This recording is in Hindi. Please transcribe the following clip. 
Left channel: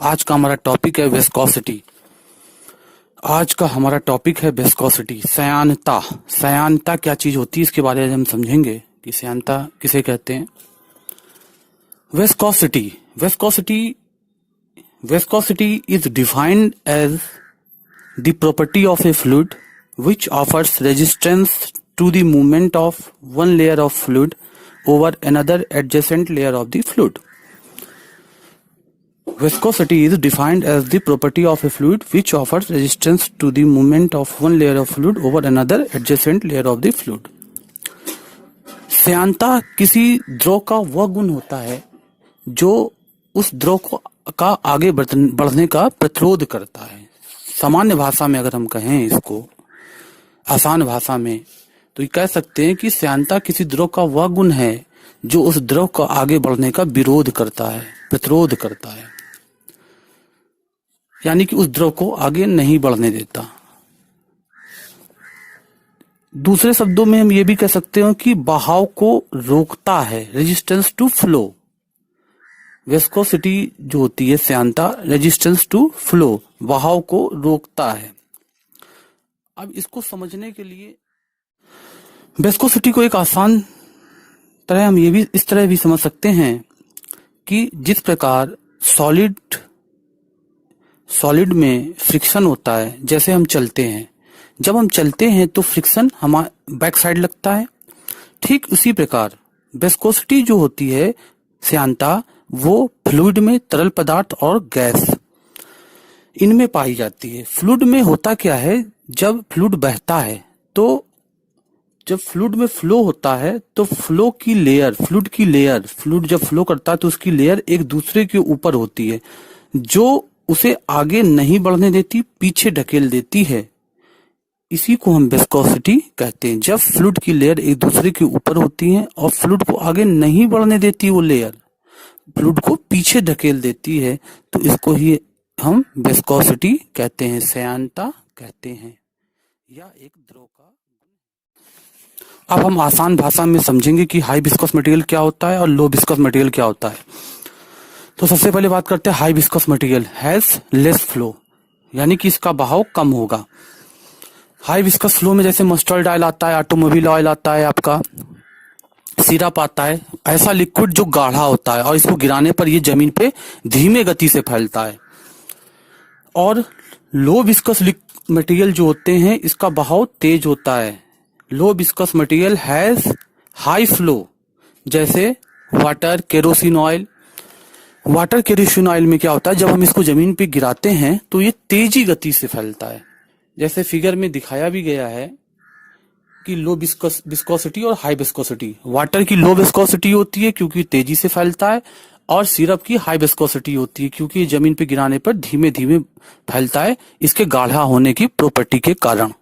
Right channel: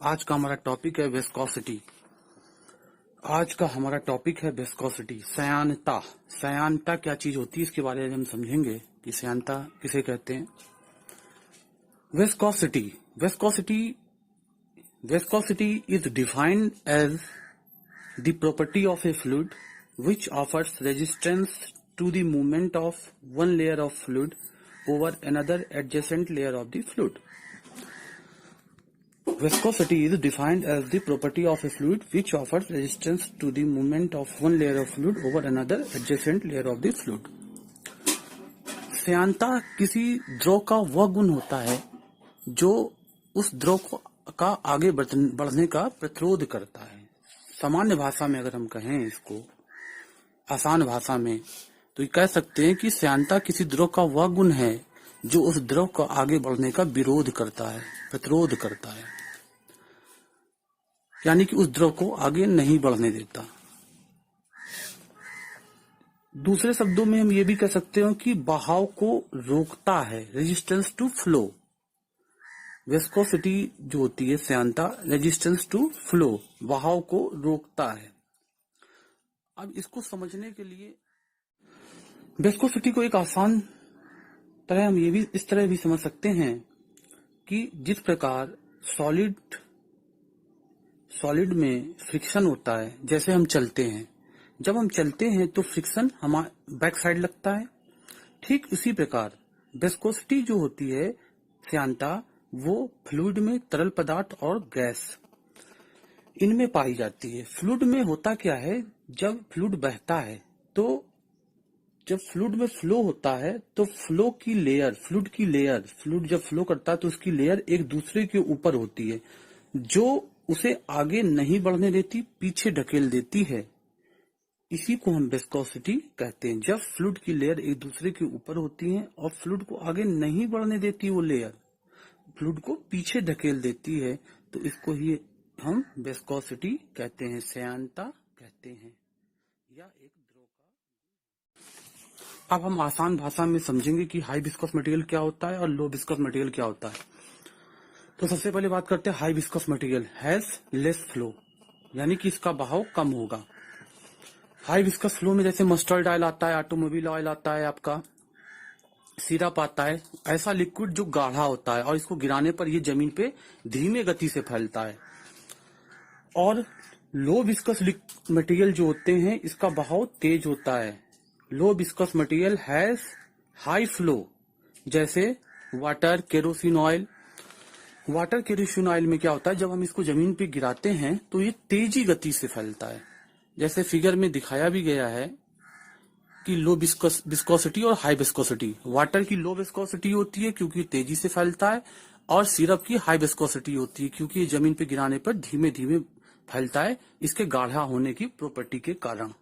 आज का हमारा टॉपिक है विस्कोसिटी। श्यानता। श्यानता क्या चीज होती है इसके बारे में हम समझेंगे कि श्यानता किसे कहते हैं। Viscosity viscosity is defined as the property of a fluid which offers resistance to the movement of one layer of fluid over another adjacent layer of the fluid. Viscosity is defined as the property of a fluid which offers resistance to the movement of one layer of fluid over another adjacent layer of the fluid. श्यानता किसी द्रव का वह गुण होता है जो उस द्रव का आगे बढ़ने का प्रतिरोध करता है। सामान्य भाषा में अगर हम कहें इसको, आसान भाषा में, तो ये कह सकते हैं कि श्यानता किसी द्रव का वह गुण है जो उस द्रव का आगे बढ़ने का विरोध करता है, प्रतिरोध करता है, यानी कि उस द्रव को आगे नहीं बढ़ने देता। दूसरे शब्दों में हम ये भी कह सकते हैं कि बहाव को रोकता है, रेजिस्टेंस टू फ्लो। विस्कोसिटी जो होती है श्यानता, रेजिस्टेंस टू फ्लो, बहाव को रोकता है। अब इसको समझने के लिए विस्कोसिटी को एक आसान तरह हम ये भी इस तरह भी समझ सकते हैं कि जिस प्रकार सॉलिड में फ्रिक्शन होता है, जैसे हम चलते हैं, जब हम चलते हैं तो फ्रिक्शन हमारे बैक साइड लगता है। ठीक उसी प्रकार विस्कोसिटी जो होती है श्यानता, वो फ्लूइड में तरल पदार्थ और गैस इनमें पाई जाती है। फ्लूइड में होता क्या है, जब फ्लूइड बहता है तो जब फ्लूइड में फ्लो होता है तो फ्लूइड जब फ्लो करता है तो उसकी लेयर एक दूसरे के ऊपर होती है जो उसे आगे नहीं बढ़ने देती, पीछे ढकेल देती है। इसी को हम विस्कोसिटी कहते हैं। जब फ्लूइड की लेयर एक दूसरे के ऊपर होती है और फ्लूइड को आगे नहीं बढ़ने देती, वो लेयर फ्लूइड को पीछे ढकेल देती है, तो इसको ही हम विस्कोसिटी कहते हैं, श्यानता कहते हैं, या एक द्रव का। अब हम आसान भाषा में समझेंगे कि हाई विस्कोस मटेरियल क्या होता है और लो विस्कोस मटेरियल क्या होता है। तो सबसे पहले बात करते हैं high viscous material has less flow, यानी कि इसका बहाव कम होगा। हाई विस्कोस फ्लो में जैसे मस्टर्ड ऑयल आता है, ऑटोमोबाइल ऑयल आता है, आपका सिरप आता है, ऐसा लिक्विड जो गाढ़ा होता है और इसको गिराने पर ये जमीन पे धीमे गति से फैलता है। और लो विस्कस मटेरियल जो होते हैं इसका बहाव तेज होता है। Low viscous material has high flow, जैसे वाटर केरोसिन ऑयल में क्या होता है, जब हम इसको जमीन पे गिराते हैं तो ये तेजी गति से फैलता है। जैसे फिगर में दिखाया भी गया है कि लो विस्कोसिटी और हाई विस्कोसिटी। वाटर की लो विस्कोसिटी होती है क्योंकि तेजी से फैलता है, और सिरप की हाई विस्कोसिटी होती है क्योंकि जमीन पे गिराने पर धीमे धीमे फैलता है, इसके गाढ़ा होने की प्रॉपर्टी के कारण।